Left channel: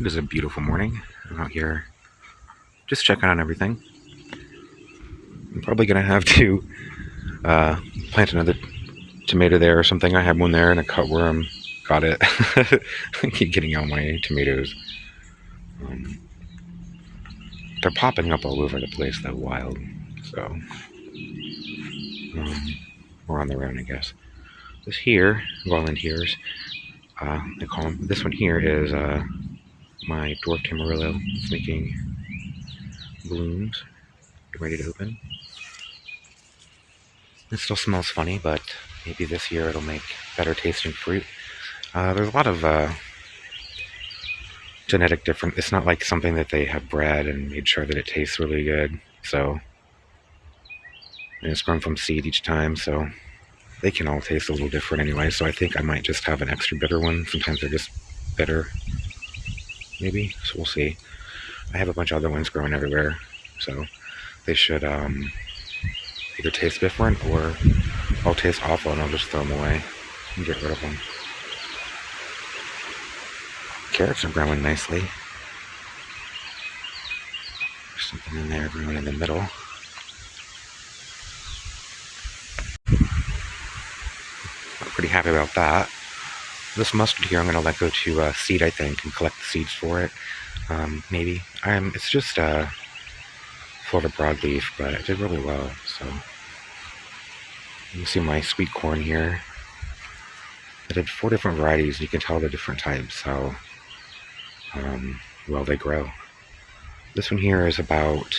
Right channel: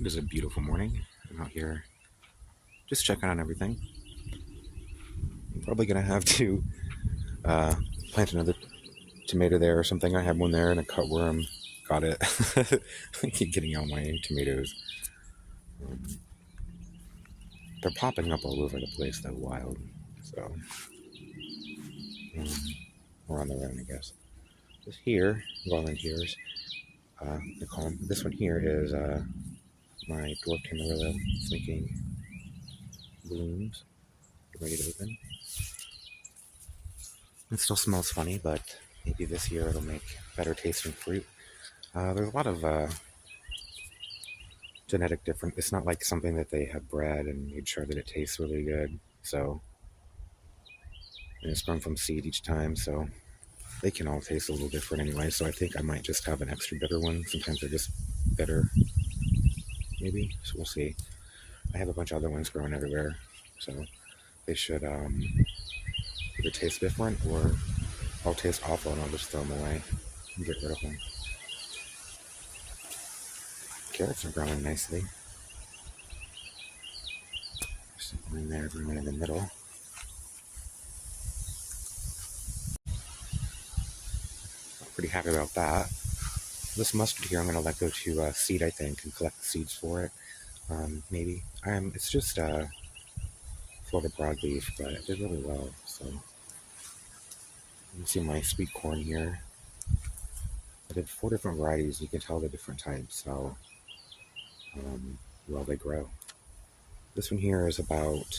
It is a beautiful morning. I'm out here just checking on everything. I'm probably going to have to uh, plant another tomato there or something. I had one there and a cutworm got it. I keep getting all my tomatoes. Um, they're popping up all over the place, though, wild. So, we're on the run, I guess. This here, volunteers, they call them. This one here is my dwarf tamarillo. It's making blooms, ready to open. It still smells funny, but maybe this year it'll make better tasting fruit. There's a lot of genetic difference. It's not like something that they have bred and made sure that it tastes really good. So, and it's grown from seed each time, so they can all taste a little different anyway. So I think I might just have an extra bitter one. Sometimes they're just bitter, maybe. So we'll see. I have a bunch of other ones growing everywhere, so they should either taste different or I'll taste awful and I'll just throw them away and get rid of them. Carrots are growing nicely. There's something in there growing in the middle. I'm pretty happy about that. This mustard here I'm going to let go to seed, I think, and collect the seeds for it. Maybe. It's just Florida broadleaf, but it did really well, so. You see my sweet corn here. I did 4 different varieties. You can tell the different types, how well they grow. This one here is about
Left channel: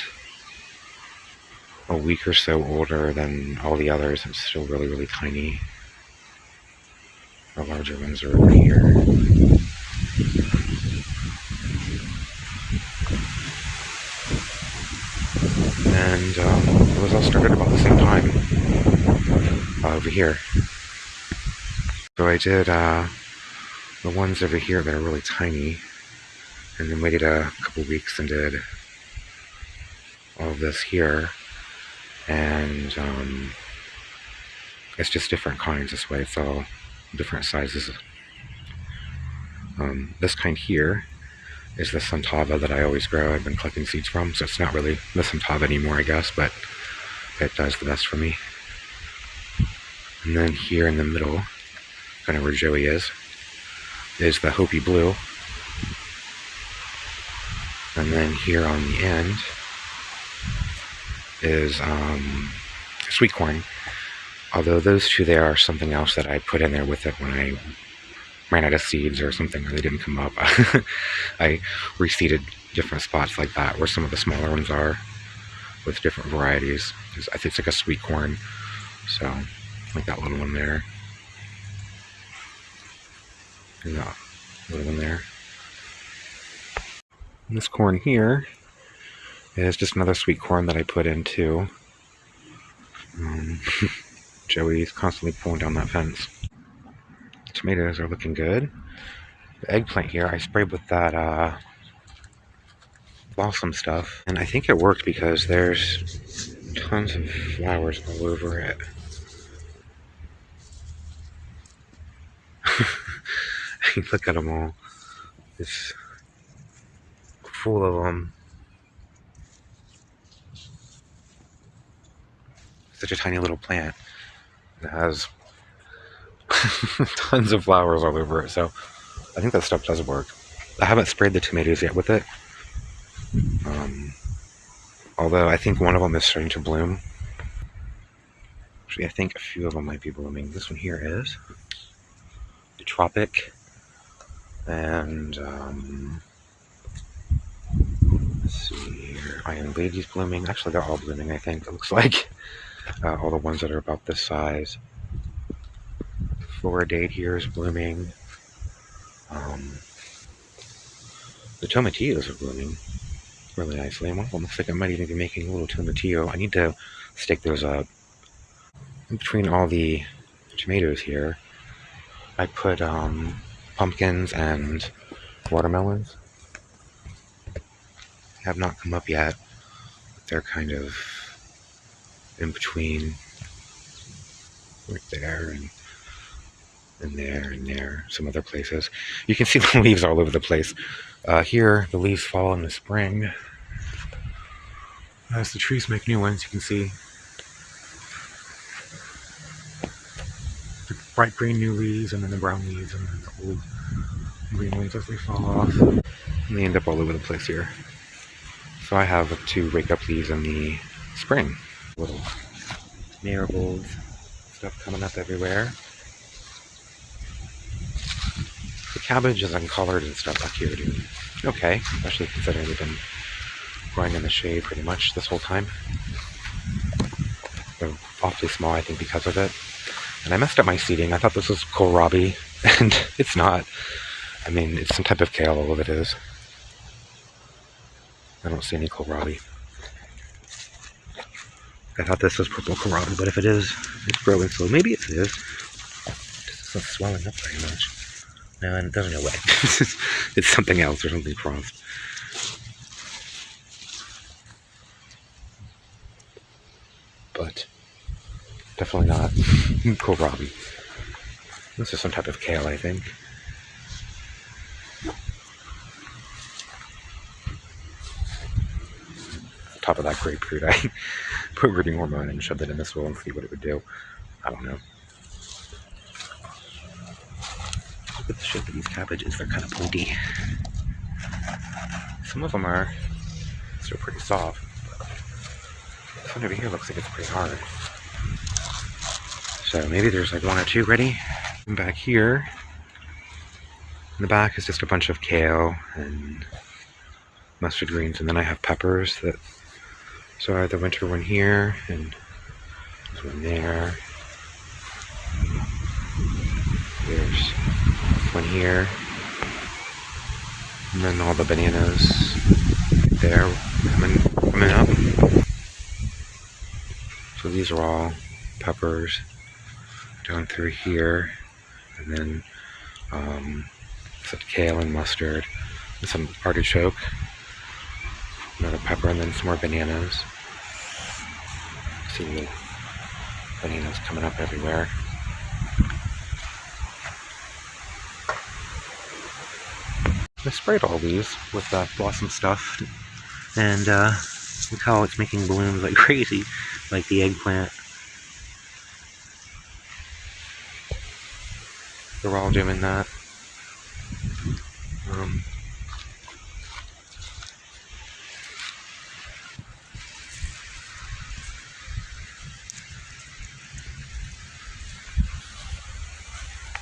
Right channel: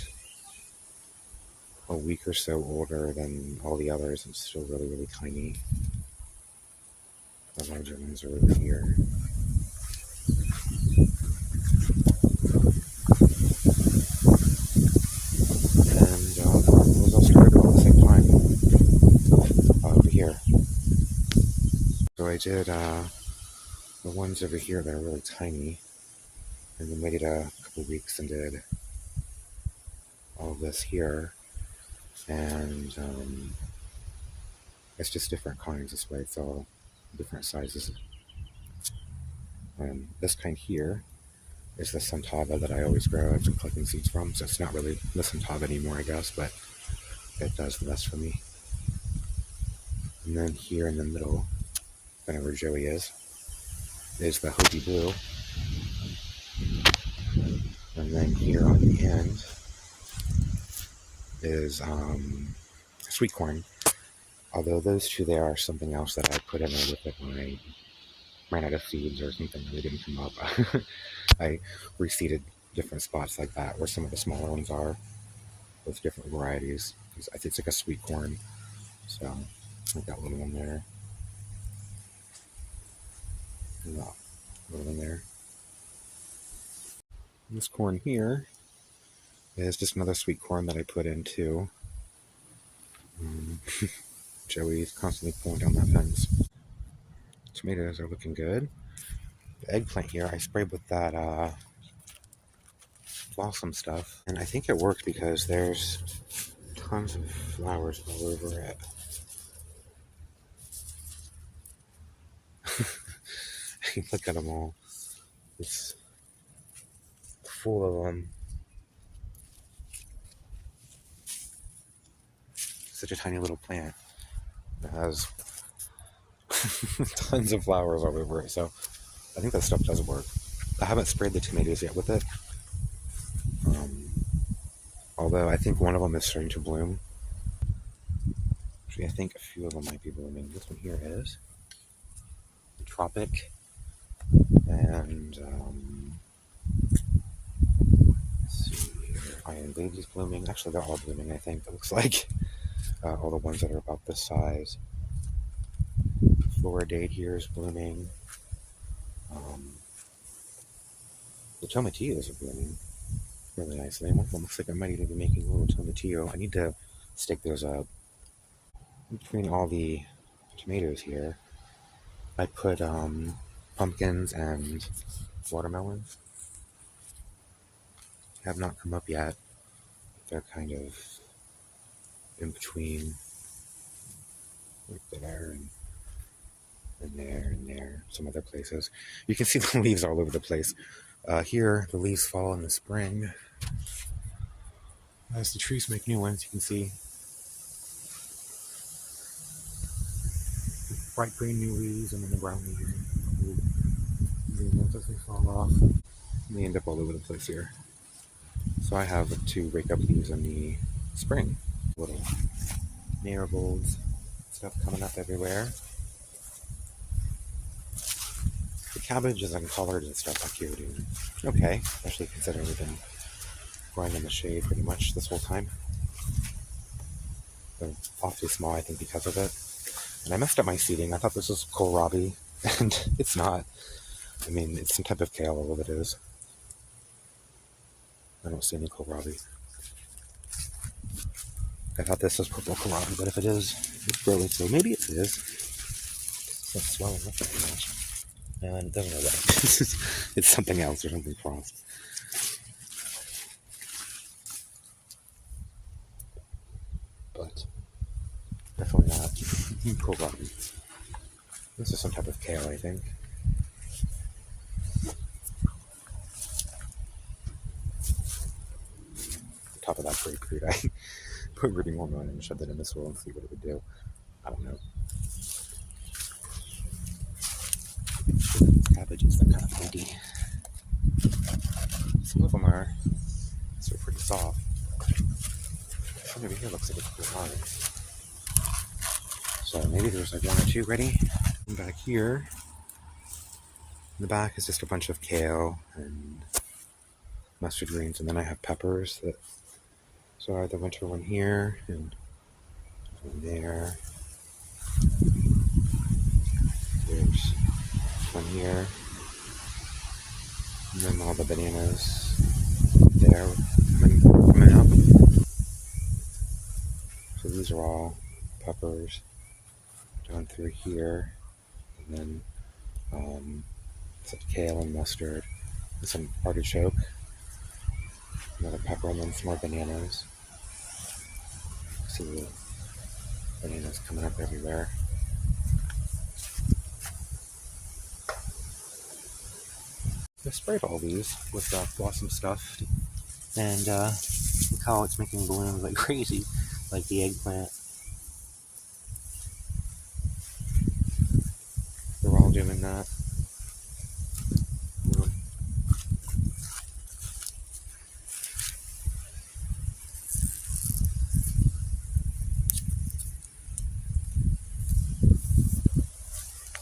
a week or so older than all the others. It's still really, really tiny. The larger ones are over here. And it was all started about the same time over here. So I did the ones over here that are really tiny, and then waited a couple weeks and did all of this here. And it's just different kinds this way. It's all different sizes. This kind here is the Santava that I always grow. I've been collecting seeds from, so it's not really the Santava anymore, I guess, but it does the best for me. And then here in the middle, kind of where Joey is the Hopi Blue. And then here on the end is sweet corn. Although those two there are something else that I put in there with it when I ran out of seeds or something, or they didn't come up. I reseeded different spots like that where some of the smaller ones are with different varieties. I think it's like a sweet corn, so like that little one there. And that little one there. And this corn here is just another sweet corn that I put into. Joey's constantly pulling down that fence. Tomatoes are looking good. The eggplant here, I sprayed with that balsam stuff, and I think it worked because there's tons of flowers all over it. Look at them all. It's full of them. Such a tiny little plant. It has tons of flowers all over it, so I think that stuff does work. I haven't sprayed the tomatoes yet with it. Although I think one of them is starting to bloom. Actually, I think a few of them might be blooming. This one here is the Tropic. And let's see here. Iron Lady's blooming. Actually, they're all blooming, I think. It looks like all the ones that are about this size. Floridate here is blooming. The tomatillos are blooming really nicely. And one of them looks like I might even be making a little tomatillo. I need to stake those up. In between all the tomatoes here, I put pumpkins and watermelons. Have not come up yet. They're kind of in between, right there and there and there, some other places. You can see the leaves all over the place. Here, the leaves fall in the spring. As the trees make new ones, you can see the bright green new leaves and then the brown leaves and then the old green leaves as they fall off. And they end up all over the place here. So I have to rake up leaves in the spring. Little marigolds, stuff coming up everywhere. The cabbage is uncolored and stuff back here, dude. Okay, especially considering we've been growing in the shade pretty much this whole time. They're awfully small, I think, because of it. And I messed up my seeding. I thought this was kohlrabi, and it's not. I mean, it's some type of kale, all of it is. I don't see any kohlrabi. I thought this was purple kohlrabi, but if it is, it's growing slow. Maybe it is. It's not swelling up very much. No, and there's no way. It's something else or something crossed. But definitely not kohlrabi. This is some type of kale, I think. On top of that grapefruit, I put rooting hormone and shoved it in the soil and see what it would do. I don't know. Look at the shape of these cabbages, they're kind of pokey. Some of them are still pretty soft, but this one over here looks like it's pretty hard. So maybe there's like one or two ready. And back here, in the back is just a bunch of kale and mustard greens, and then I have peppers that, so I have the winter one here, and there's one there. There's one here. And then all the bananas there coming up. So these are all peppers down through here. And then some kale and mustard. And some artichoke. Another pepper, and then some more bananas. See the bananas coming up everywhere. I sprayed all these with blossom stuff, and look how it's making blooms like crazy, like the eggplant. They're all doing that.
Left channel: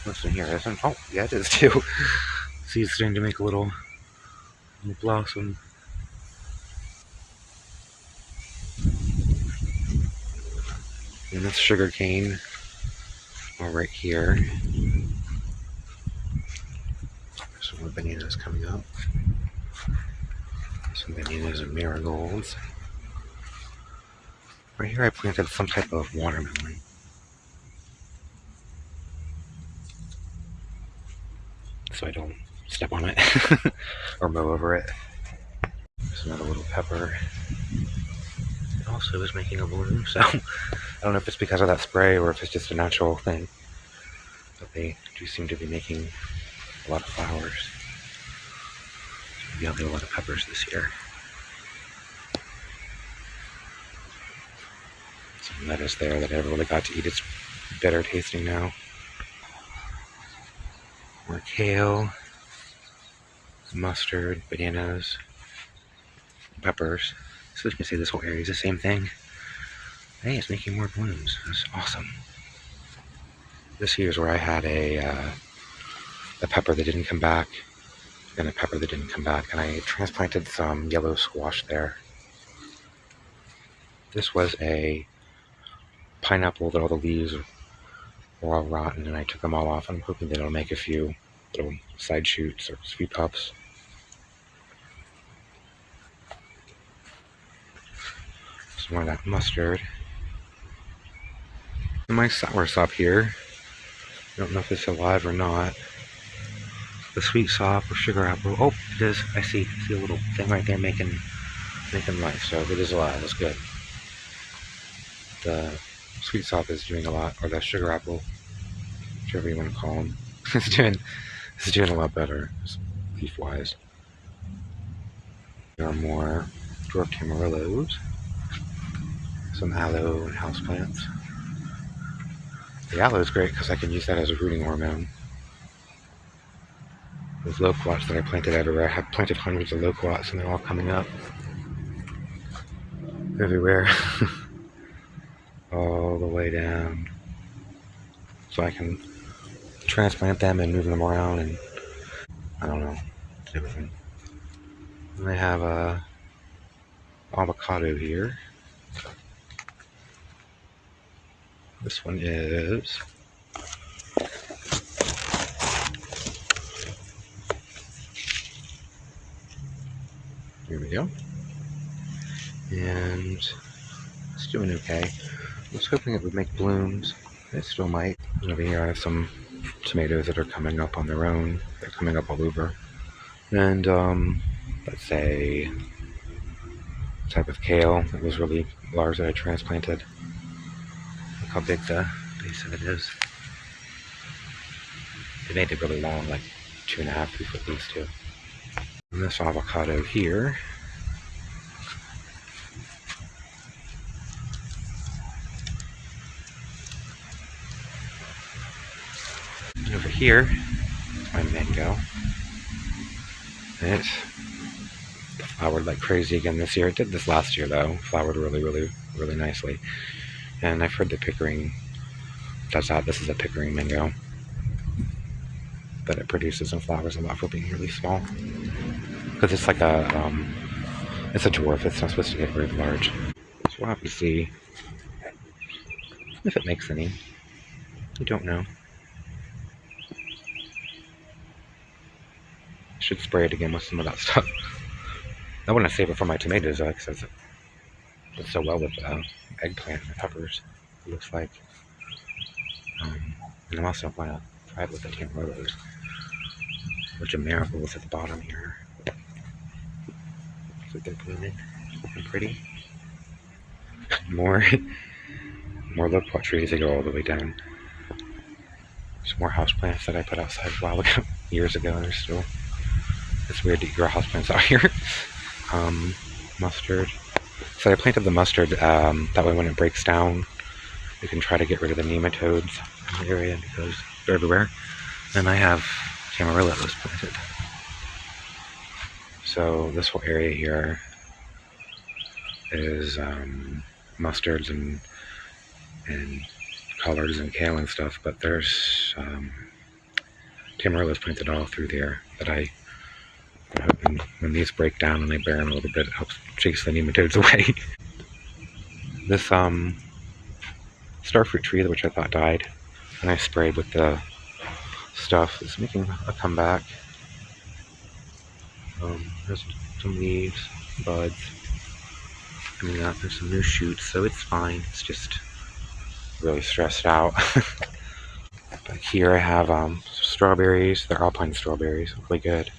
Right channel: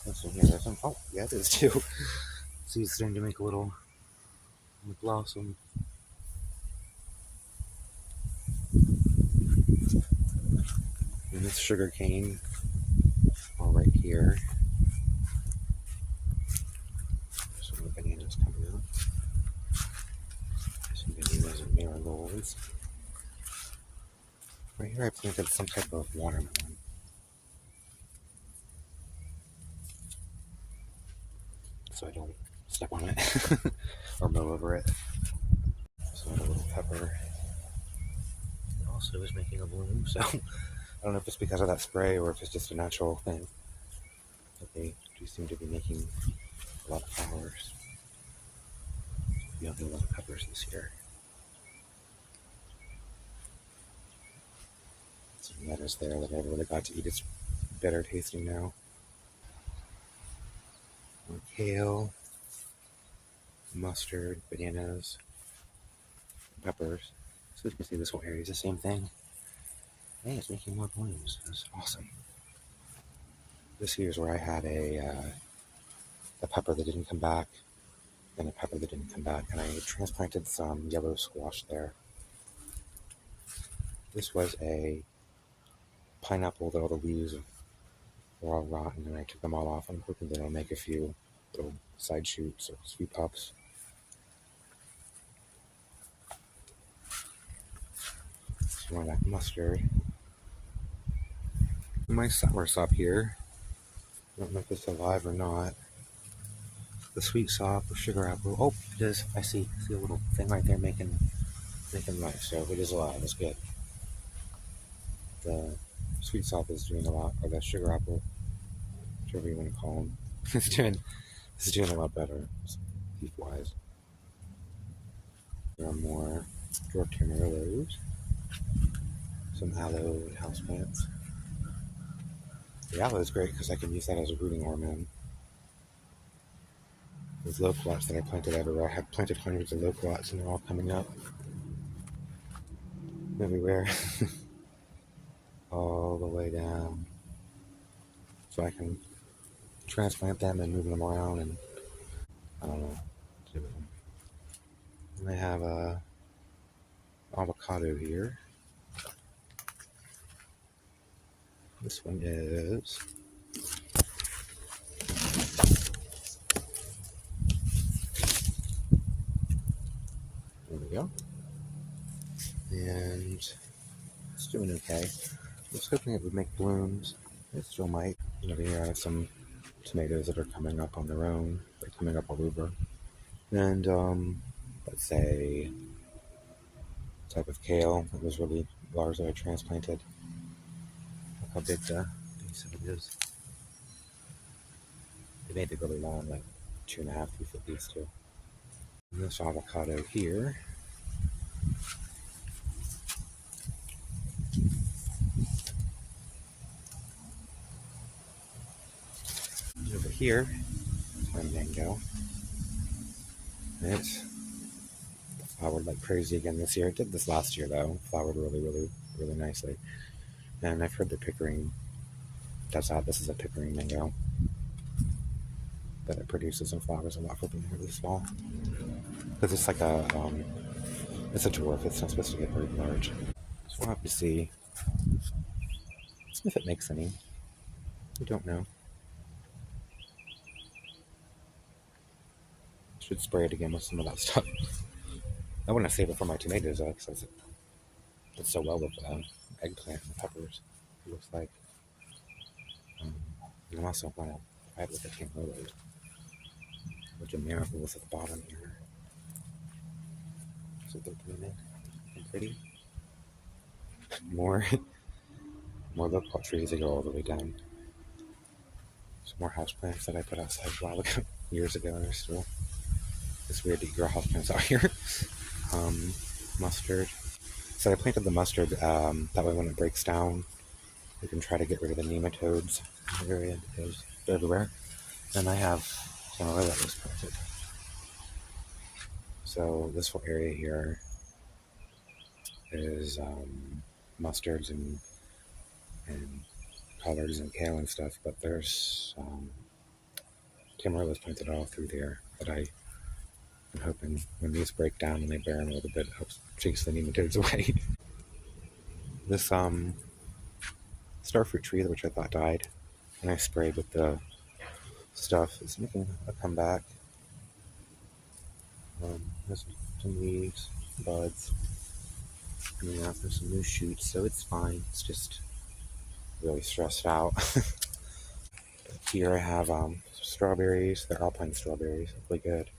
Listen here, isn't? Oh, yeah, it is too. See, it's starting to make a little blossom. And that's sugar cane, all right here. There's some more bananas coming up. Some bananas and marigolds. Right here I planted some type of watermelon. So I don't step on it or mow over it. There's another little pepper. It also is making a bloom, so I don't know if it's because of that spray or if it's just a natural thing. But they do seem to be making a lot of flowers. So maybe I'll get a lot of peppers this year. Some lettuce there that I never really got to eat. It's bitter tasting now. More kale, mustard, bananas, peppers. So you can see this whole area is the same thing. Hey, it's making more blooms. That's awesome. This here's where I had a pepper that didn't come back, and a pepper that didn't come back, and I transplanted some yellow squash there. This was a pineapple that all the leaves were all rotten, and I took them all off. I'm hoping that it'll make a few little side shoots or sweet pups. Some more of that mustard. And my soursop here. I don't know if it's alive or not. The sweet sop or sugar apple. Oh, it is. I see a little thing right there making life. So it is alive. That's good. The sweet sop is doing a lot, or the sugar apple, whichever you want to call them. It's doing a lot better, leaf-wise. There are more dwarf tamarillos, some aloe and houseplants. The aloe is great because I can use that as a rooting hormone. Those loquats that I planted everywhere, I have planted hundreds of loquats and they're all coming up everywhere. All the way down. So I can transplant them and move them around and I don't know, everything. And I have a avocado here. This one is here we go. And it's doing okay. I was hoping it would make blooms. It still might. And over here I have some tomatoes that are coming up on their own. They're coming up all over. And let's say a type of kale that was really large that I transplanted. Look how big the base of it is. They made it really long, like 2.5, 3 foot leaves too. And this avocado here. And over here is my mango. And it's flowered like crazy again this year. It did this last year though. Flowered really nicely. And I've heard the Pickering does that. This is a Pickering mango. But it produces and flowers a lot for being really small. Because it's like it's a dwarf. It's not supposed to get very large. So we'll have to see if it makes any. I don't know. I should spray it again with some of that stuff. I want to save it for my tomatoes though, because it does so well with eggplant and peppers, it looks like. And I'm also going to try it with the tamarillos. A bunch of marigolds at the bottom here. So they're blooming, looking pretty. More loquat trees that go all the way down. Some more houseplants that I put outside a while ago, years ago, and they're still. It's weird to grow houseplants out here. Mustard. So I planted the mustard, that way when it breaks down, you can try to get rid of the nematodes in the area because they're everywhere. And I have tamarillos planted. So this whole area here is mustards and collards and kale and stuff, but there's tamarillos planted all through there that I'm hoping when these break down and they bear them a little bit, it helps chase the nematodes away. This starfruit tree, which I thought died, and I sprayed with the stuff, is making a comeback. There's some leaves, buds coming up. There's some new shoots, so it's fine. It's just really stressed out. But here I have strawberries. They're alpine strawberries, really good.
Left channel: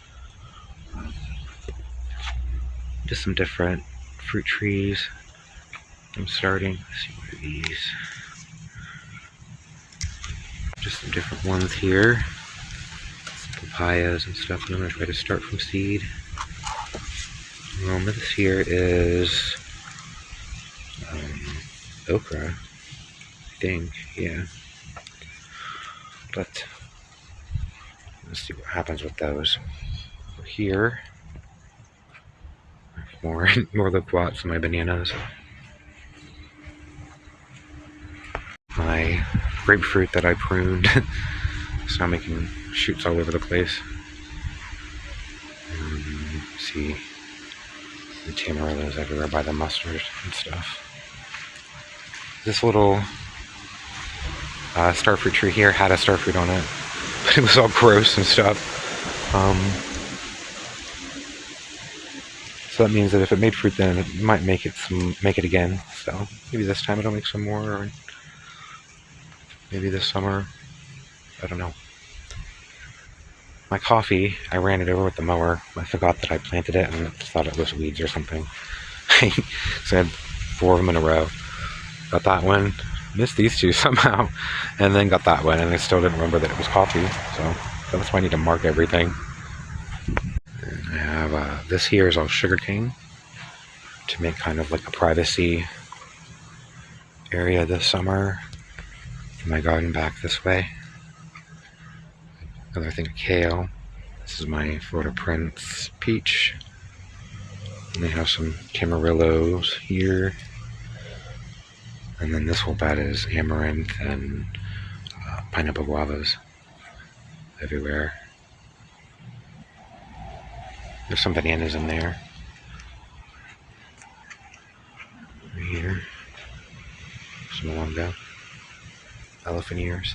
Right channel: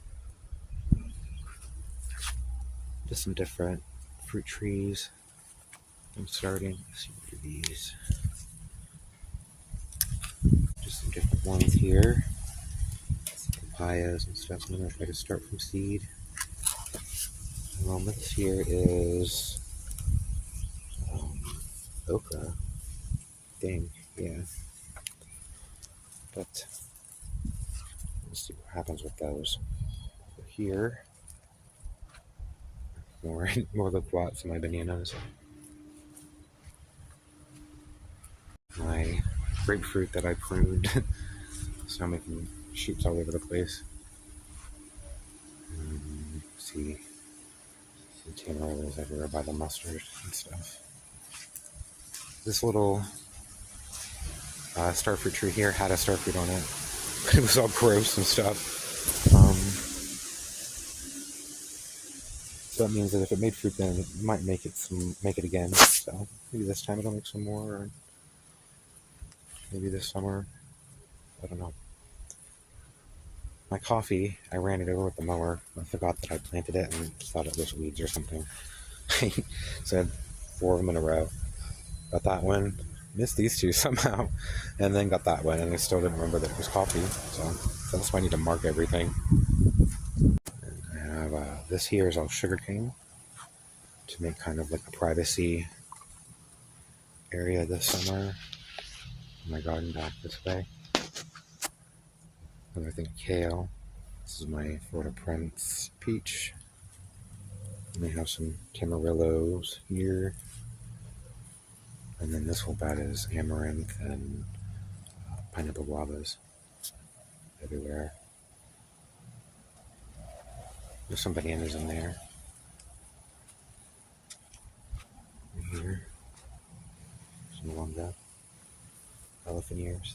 Just some different fruit trees. I'm starting. Let's see, what are these? Just some different ones here. Some papayas and stuff. I'm going to try to start from seed. This here is okra, I think, yeah. But let's see what happens with those. So here, more loquats and my bananas. My grapefruit that I pruned is now making shoots all over the place. See the tamarillos everywhere by the mustard and stuff. This little starfruit tree here had a starfruit on it, but it was all gross and stuff. So that means that if it made fruit, then it might make it again. So maybe this time it'll make some more, or maybe this summer. I don't know. My coffee, I ran it over with the mower. I forgot that I planted it and thought it was weeds or something. So I had 4 of them in a row. Got that one, missed these 2 somehow, and then got that one, and I still didn't remember that it was coffee. So that's why I need to mark everything. And I have this here is all sugarcane to make kind of like a privacy area this summer. My garden back this way. Another thing of kale. This is my Florida Prince peach. And they have some tamarillos here. And then this whole bed is amaranth and pineapple guavas everywhere. There's some bananas in there. Right here. Some mango. Elephant ears.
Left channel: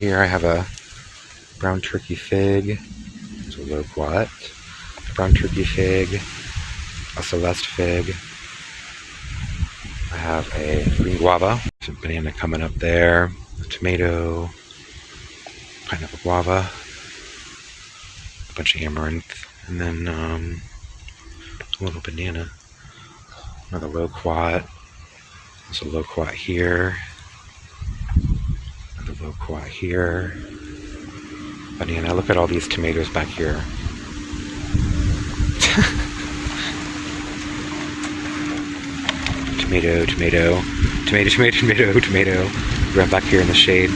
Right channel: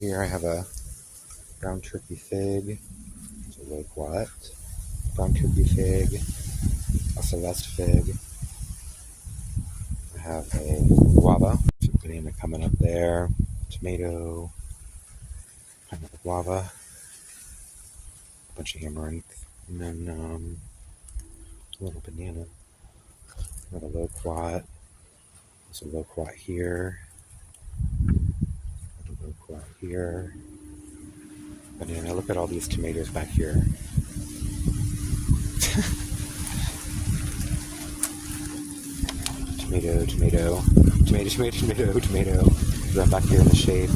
Here I have a brown turkey fig. It's a loquat. Brown turkey fig. A Celeste fig. I have a green guava. Some banana coming up there. A tomato. Pineapple guava. A bunch of amaranth. And then a little banana. Another loquat. There's a loquat here. Another loquat here. Banana. Look at all these tomatoes back here. Tomato, tomato, tomato, tomato, tomato, tomato. Right back here in the shade.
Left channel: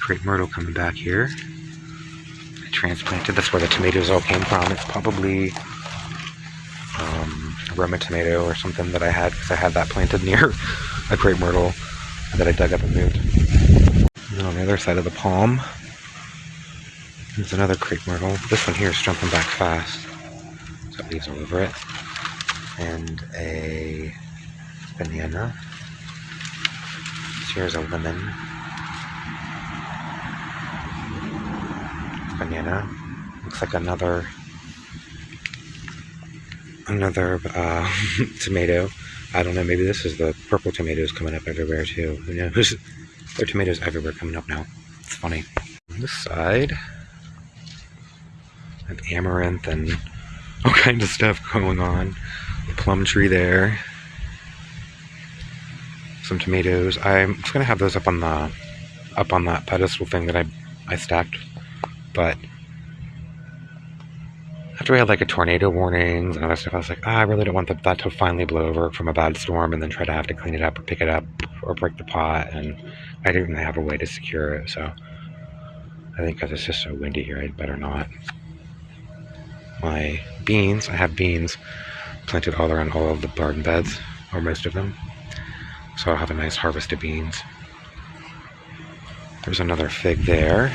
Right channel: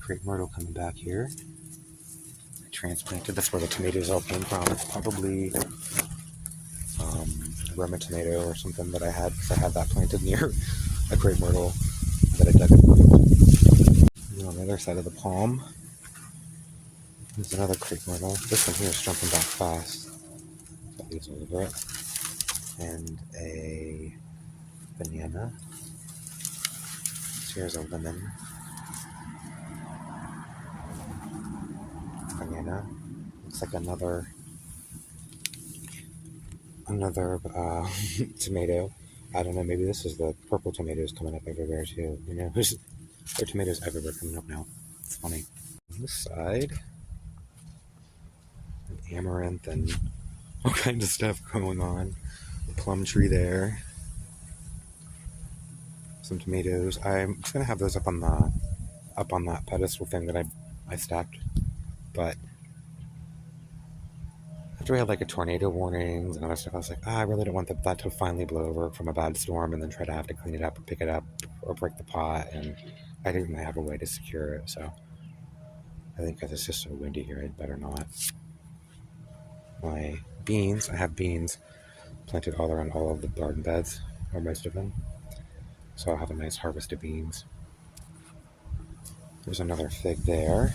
Crepe myrtle coming back here. I transplanted. That's where the tomatoes all came from. It's probably a Roma tomato or something that I had, because I had that planted near a crepe myrtle that I dug up and moved. And on the other side of the palm, there's another crepe myrtle. This one here is jumping back fast. It's got leaves all over it. And a banana. Here's a lemon. Banana. Looks like another tomato. I don't know, maybe this is the purple tomatoes coming up everywhere too. Who knows? There are tomatoes everywhere coming up now. It's funny. On this side, I have amaranth and all kinds of stuff going on. The plum tree there. Some tomatoes. I'm just gonna have those up on that pedestal thing that I stacked. But after we had like a tornado warnings and other stuff, I was like, I really don't want that to finally blow over from a bad storm and then try to have to clean it up or pick it up or break the pot. And I didn't really have a way to secure it, so I think because it's just so windy here, I'd better not. My beans, I have beans planted all around all of the garden beds, or most of them. So I'll have a nice harvest of beans. There's another fig there.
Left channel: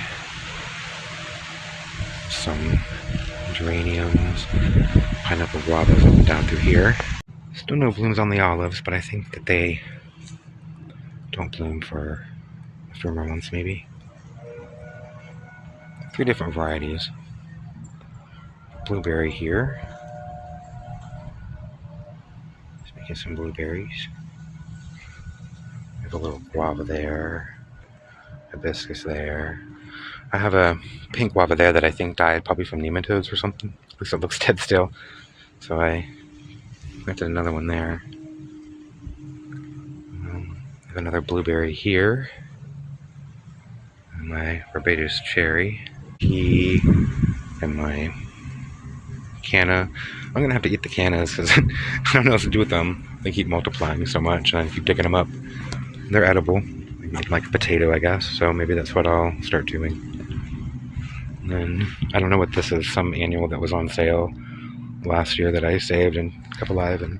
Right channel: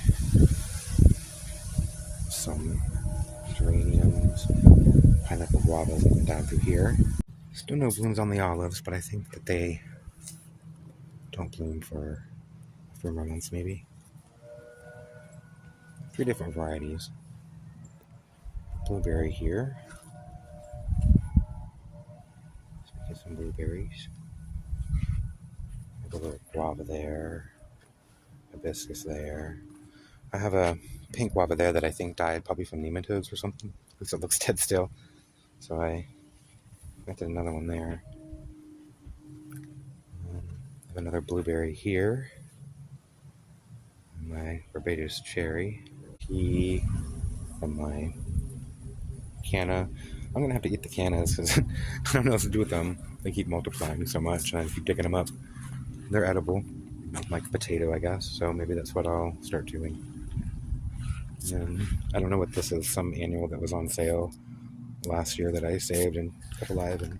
Some geraniums, pineapple guavas up and down through here. Still no blooms on the olives, but I think that they don't bloom for a few more months maybe. 3 different varieties. Blueberry here. Just making some blueberries. I have a little guava there. Hibiscus there. I have a pink guava there that I think died probably from nematodes or something. At least it looks dead still. So I planted another one there. I have another blueberry here. And my Barbados cherry. Pea. And my canna. I'm going to have to eat the cannas because I don't know what to do with them. They keep multiplying so much and I keep digging them up. They're edible. Like a potato, I guess. So maybe that's what I'll start doing. And I don't know what this is, some annual that was on sale last year that I saved and kept alive, and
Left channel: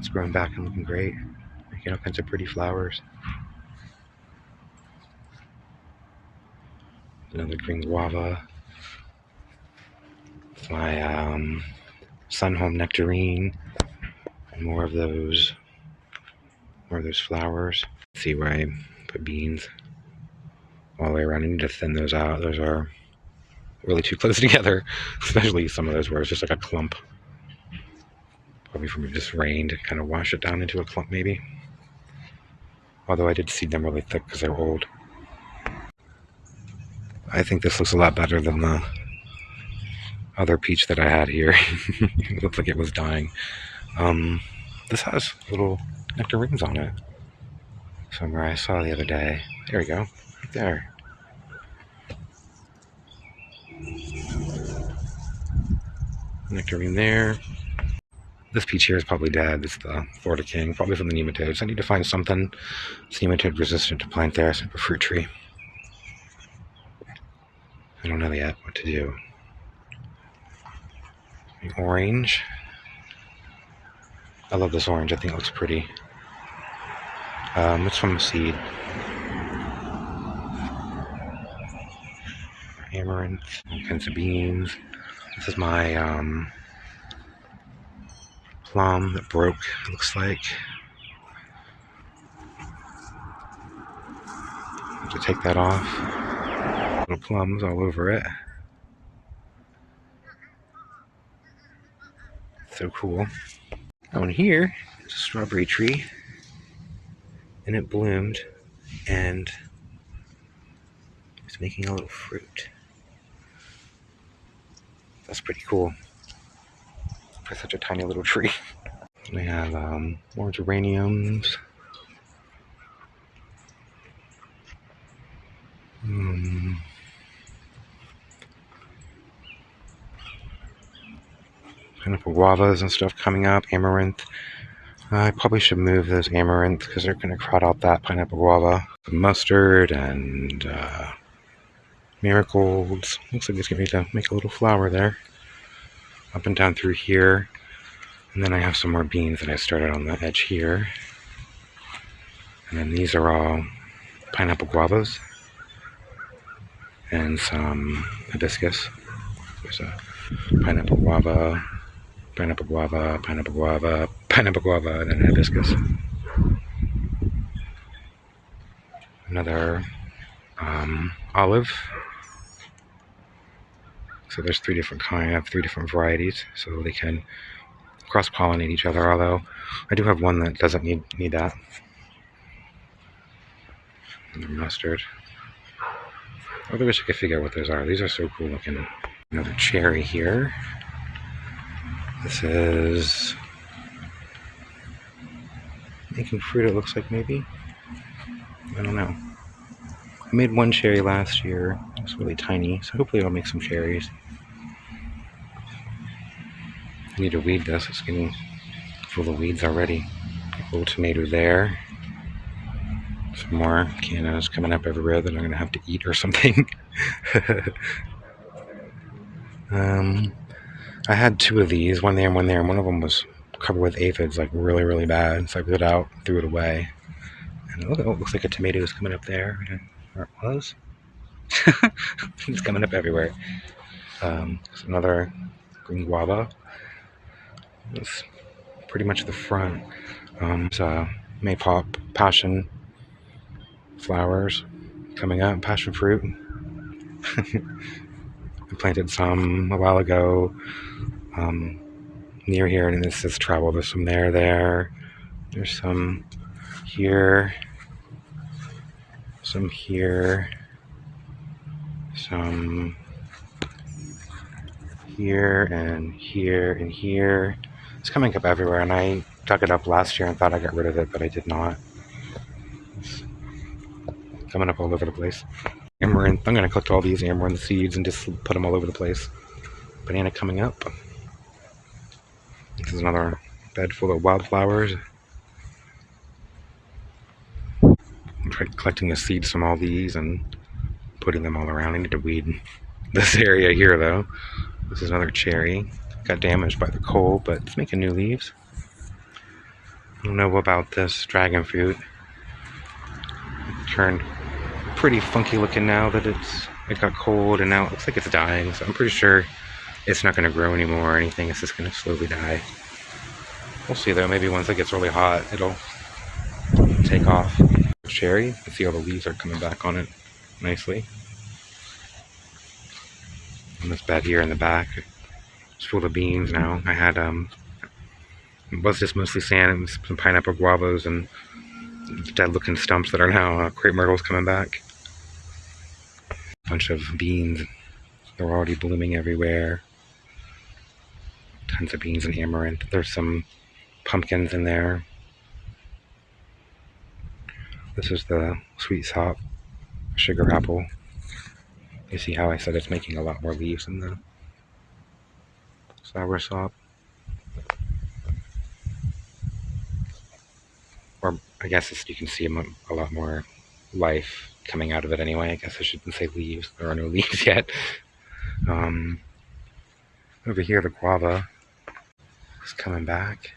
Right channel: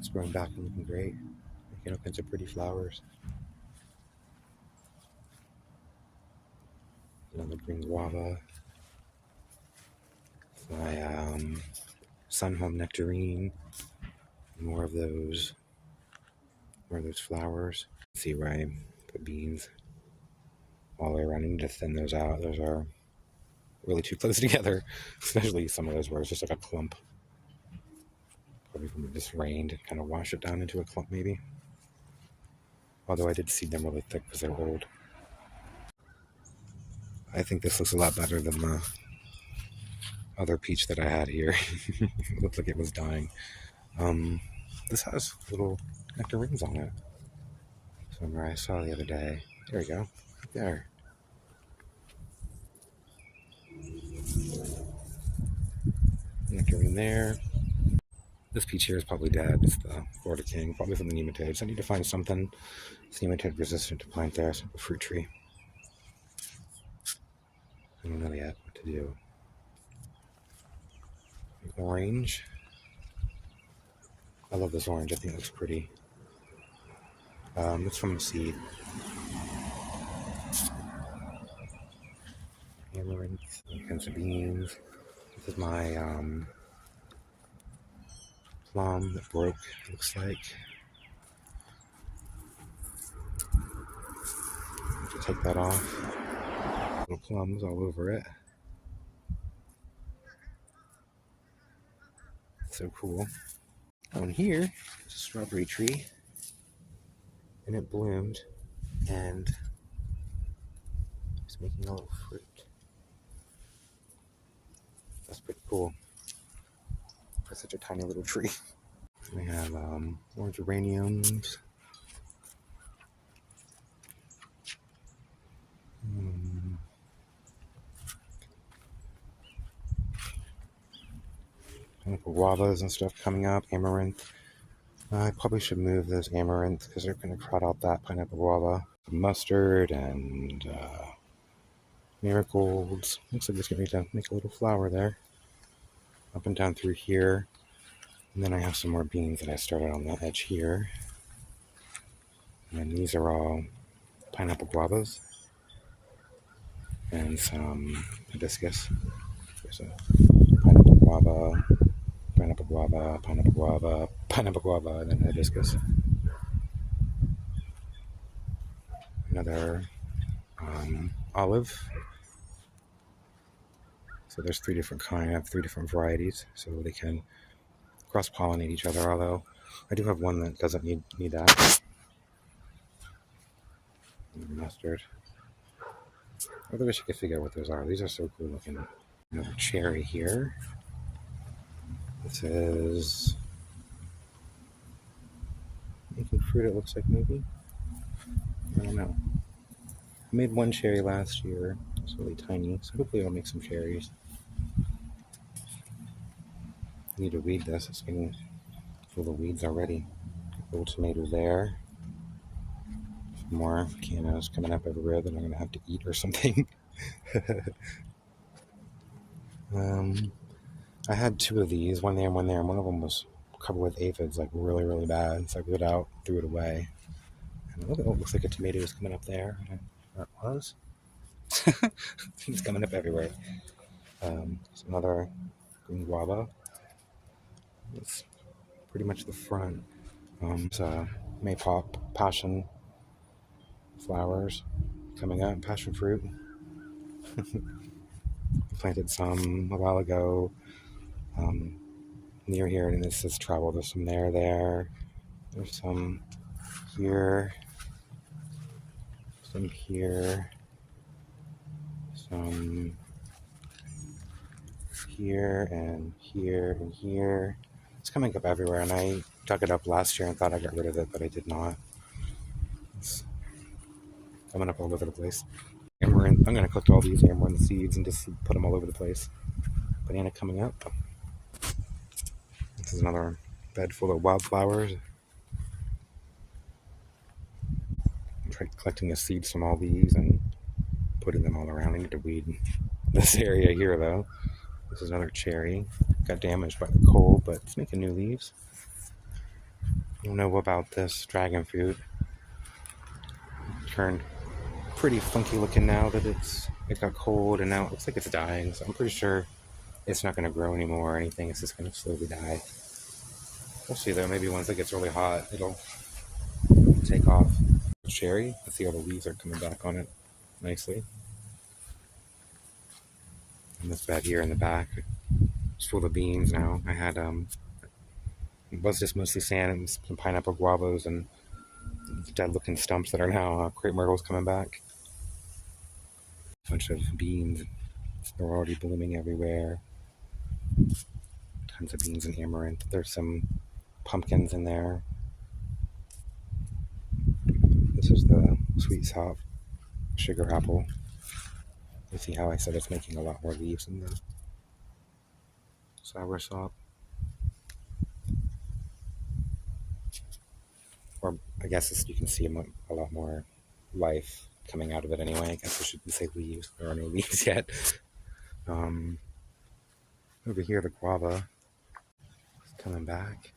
it's growing back and looking great, making all kinds of pretty flowers. Another green guava. My Sunhome nectarine, and more of those flowers. Let's see where I put beans all the way around. I need to thin those out. Those are really too close together, especially some of those where it's just like a clump. Probably from it just rained, kind of wash it down into a clump maybe. Although I did seed them really thick because they're old. I think this looks a lot better than the other peach that I had here. It looked like it was dying. This has little nectarines on it. Somewhere I saw the other day. There we go, right there. nectarine there. This peach here is probably dead. It's the Florida King, probably from the nematodes. I need to find something that's nematode resistant to plant there, so I have a fruit tree. I don't know yet what to do. The orange. I love this orange. I think it looks pretty. It's from a seed. Amaranth, all kinds of beans. This is my plum that broke, it looks like. I have to take that off. Little plums all over it. So cool. Down here is a strawberry tree, and it bloomed, and it's making a little fruit. That's pretty cool for such a tiny little tree. We have more geraniums. Pineapple guavas and stuff coming up. Amaranth. I probably should move those amaranth because they're going to crowd out that pineapple guava. Mustard and marigolds. Looks like it's going to make a little flower there. Up and down through here. And then I have some more beans that I started on the edge here. And then these are all pineapple guavas. And some hibiscus. There's a pineapple guava, pineapple guava, pineapple guava, pineapple guava, and then hibiscus. Another olive. So there's three different kinds. I have three different varieties, so they can cross-pollinate each other. Although I do have one that doesn't need that. Another mustard. I really wish I could figure out what those are. These are so cool looking. Another cherry here. This is making fruit, it looks like, maybe. I don't know. I made one cherry last year. It's really tiny, so hopefully it'll make some cherries. I need to weed this. It's getting full of weeds already. A little tomato there. Some more cannas coming up everywhere that I'm going to have to eat or something. I had two of these, one there and one there, and one of them was covered with aphids, like really, really bad. So I put it out, threw it away. And look, it looks like a tomato is coming up there. Where it was. It's coming up everywhere. There's another green guava. It's pretty much the front. It's maypop passion flowers coming up, passion fruit. I planted some a while ago near here, and this is travel. There's some there. There's some here, some here, some here, and here, and here. It's coming up everywhere, and I dug it up last year and thought I got rid of it, but I did not. It's coming up all over the place. Amaranth. I'm going to collect all these amaranth seeds and just put them all over the place. Banana coming up. This is another bed full of wildflowers. I'm collecting the seeds from all these and putting them all around. I need to weed this area here, though. This is another cherry. Got damaged by the cold, but it's making new leaves. I don't know about this dragon fruit. It turned pretty funky looking now that it got cold, and now it looks like it's dying. So I'm pretty sure it's not going to grow anymore or anything. It's just going to slowly die. We'll see though. Maybe once it gets really hot, it'll take off. Cherry. You can see all the leaves are coming back on it nicely. And this bed here in the back, it's full of beans now. I had it was just mostly sand and some pineapple guavas and dead looking stumps that are now crepe myrtles coming back. A bunch of beans. They're already blooming everywhere. Tons of beans and amaranth. There's some pumpkins in there. This is the sweet sop sugar apple. You see how I said it's making a lot more leaves in the soursop. Or I guess you can see a lot more life coming out of it anyway. I guess I shouldn't say leaves. There are no leaves yet. Over here, the guava is coming back,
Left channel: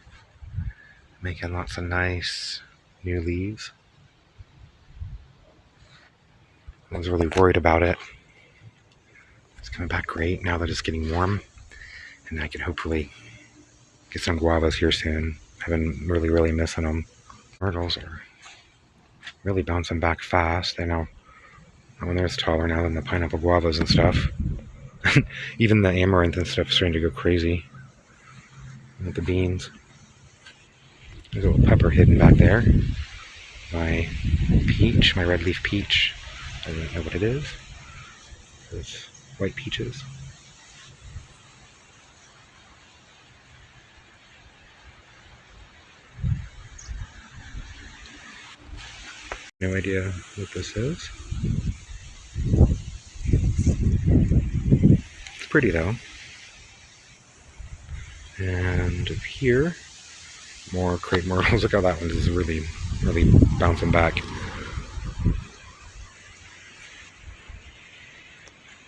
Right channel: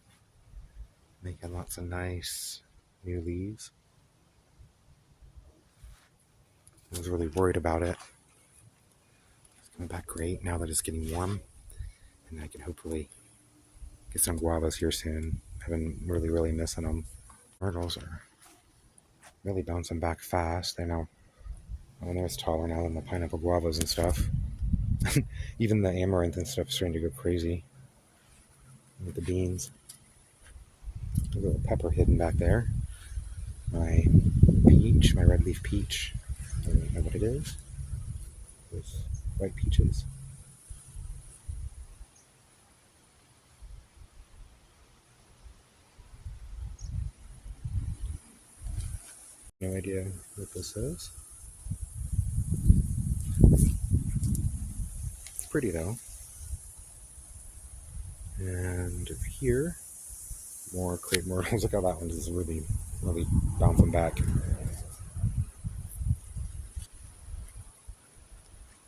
making lots of nice new leaves. I was really worried about it. It's coming back great now that it's getting warm, and I can hopefully get some guavas here soon. I've been really missing them. Myrtles are really bouncing back fast. I know when they're taller now than the pineapple guavas and stuff. Even the amaranth and stuff is starting to go crazy. With the beans. There's a little pepper hidden back there. My peach, my red leaf peach. I don't know what it is. It's white peaches. No idea what this is. It's pretty though. And up here, more crepe myrtles. Look how that one is really bouncing back.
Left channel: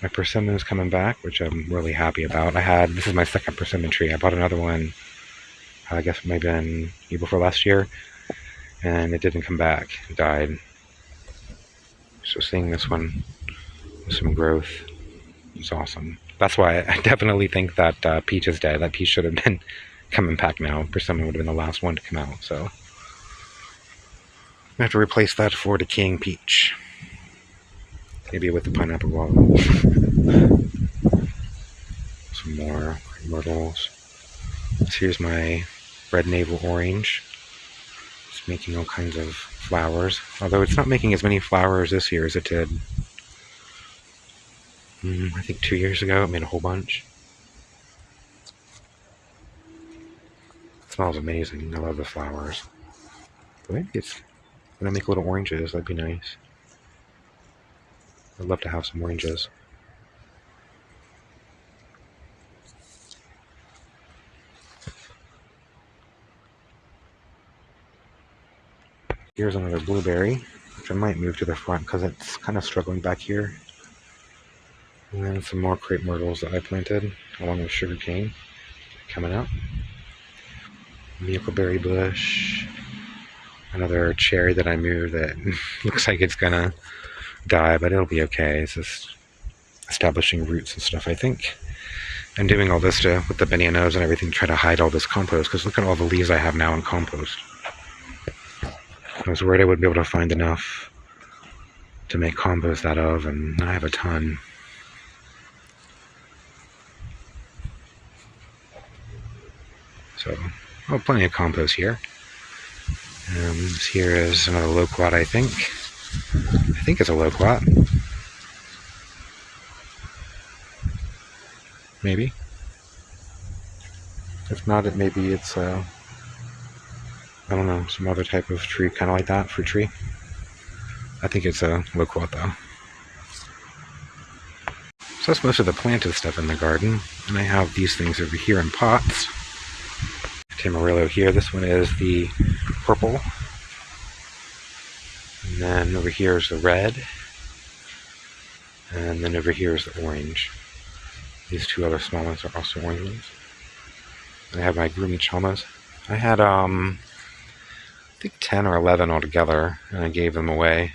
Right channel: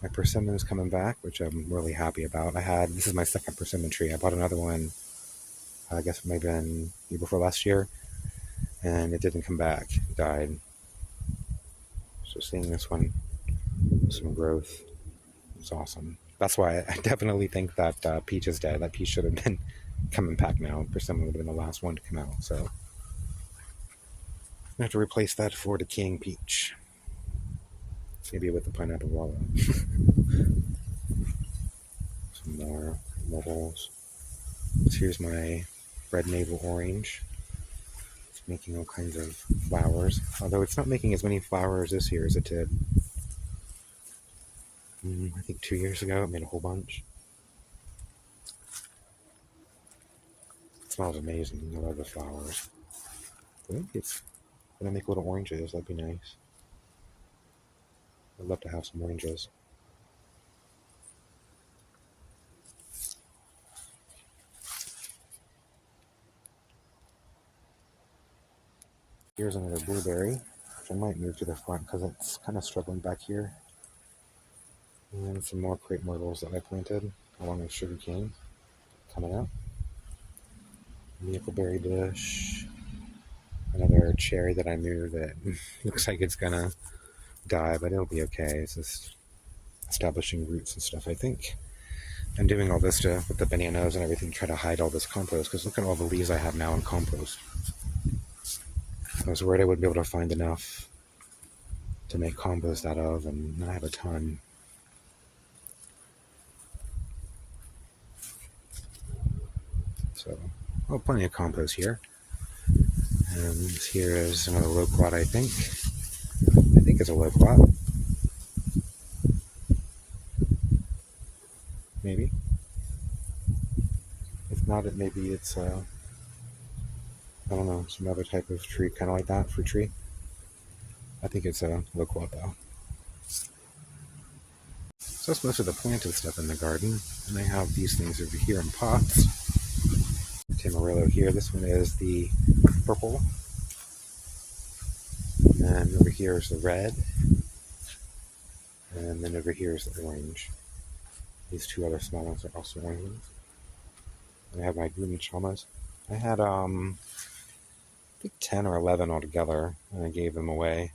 My persimmon is coming back, which I'm really happy about. This is my second persimmon tree. I bought another one, I guess maybe in year before last year, and it didn't come back. It died. So seeing this one with some growth is awesome. That's why I definitely think that peach is dead. That peach should have been coming back now. Persimmon would have been the last one to come out. So I have to replace that for the king peach. Maybe with the pineapple guava. Some more myrtles. Here's my red navel orange. It's making all kinds of flowers. Although it's not making as many flowers this year as it did. I think 2 years ago it made a whole bunch. It smells amazing. I love the flowers. But maybe it's gonna make little oranges. That'd be nice. I'd love to have some oranges. Here's another blueberry, which I might move to the front because it's kind of struggling back here. And then some more crepe myrtles that I planted along with sugar cane coming out. Huckleberry bush. Another cherry that I moved that looks like it's gonna die, but it'll be okay. It's just establishing roots and stuff, I think. I'm doing all this with the bananas and everything, try to hide all this compost, because look at all the leaves I have now in compost. I was worried I wouldn't be able to find enough to make compost out of, and I have a ton. So, plenty of compost here. This here is another loquat, I think. I think it's a loquat. Maybe. If not, maybe it's I don't know, some other type of tree, kind of like that, fruit tree. I think it's a loquat though. So that's most of the planted stuff in the garden. And I have these things over here in pots. Tamarillo here. This one is the purple. And then over here is the red. And then over here is the orange. These two other small ones are also orange ones. And I have my Grumi Chomas. I had, I think 10 or 11 altogether, and I gave them away.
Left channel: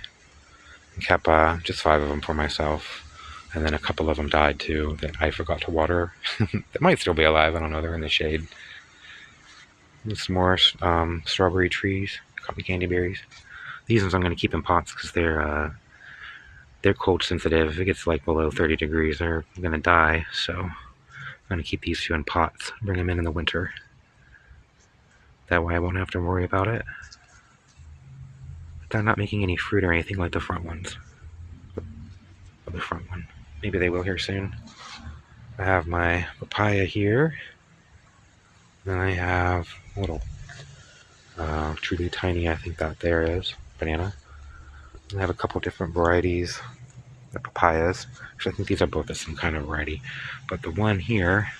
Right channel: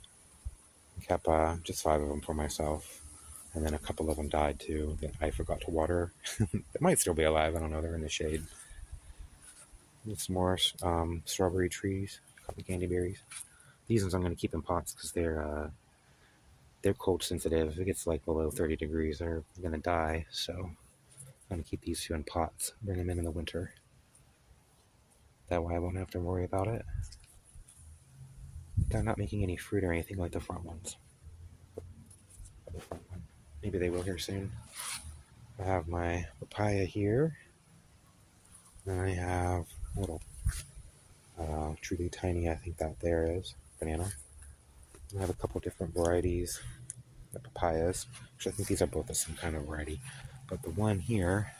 And kept just 5 of them for myself. And then a couple of them died too that I forgot to water. They might still be alive, I don't know, they're in the shade. And some more strawberry trees, cotton candy berries. These ones I'm going to keep in pots because they're cold sensitive. If it gets like below 30 degrees, they're going to die. So I'm going to keep these two in pots, bring them in the winter. That way I won't have to worry about it. They're not making any fruit or anything like the front ones. The front one. Maybe they will here soon. I have my papaya here. Then I have a little truly tiny, I think that there is, banana. And I have a couple different varieties of papayas. Actually, I think these are both the same kind of variety. But the one here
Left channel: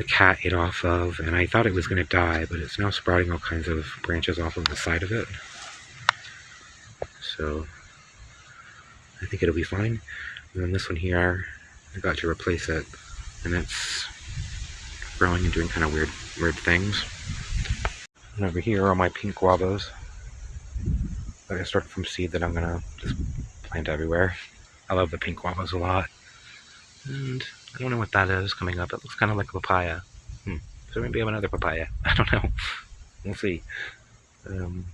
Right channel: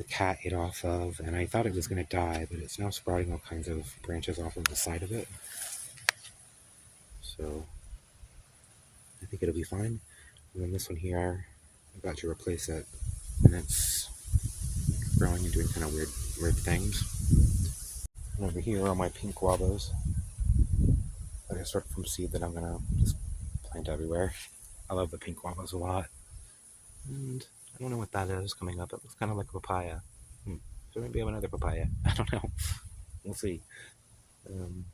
the cat ate off of, and I thought it was going to die, but it's now sprouting all kinds of branches off of the side of it. So I think it'll be fine. And then this one here, I got to replace it, and it's growing and doing kind of weird things. And over here are my pink guavas that I started from seed that I'm gonna just plant everywhere. I love the pink guavas a lot. And I don't know what that is coming up. It looks kind of like a papaya. So maybe I have another papaya. I don't know. We'll see. Then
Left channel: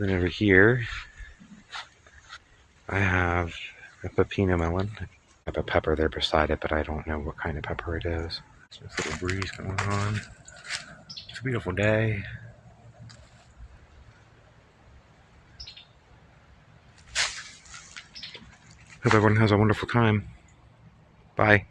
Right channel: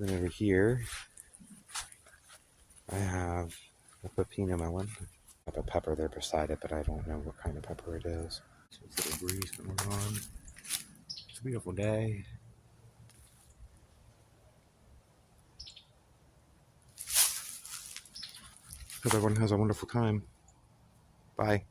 over here, I have a pepino melon. I have a pepper there beside it, but I don't know what kind of pepper it is. There's a little breeze going on. It's a beautiful day. Hope everyone has a wonderful time. Bye.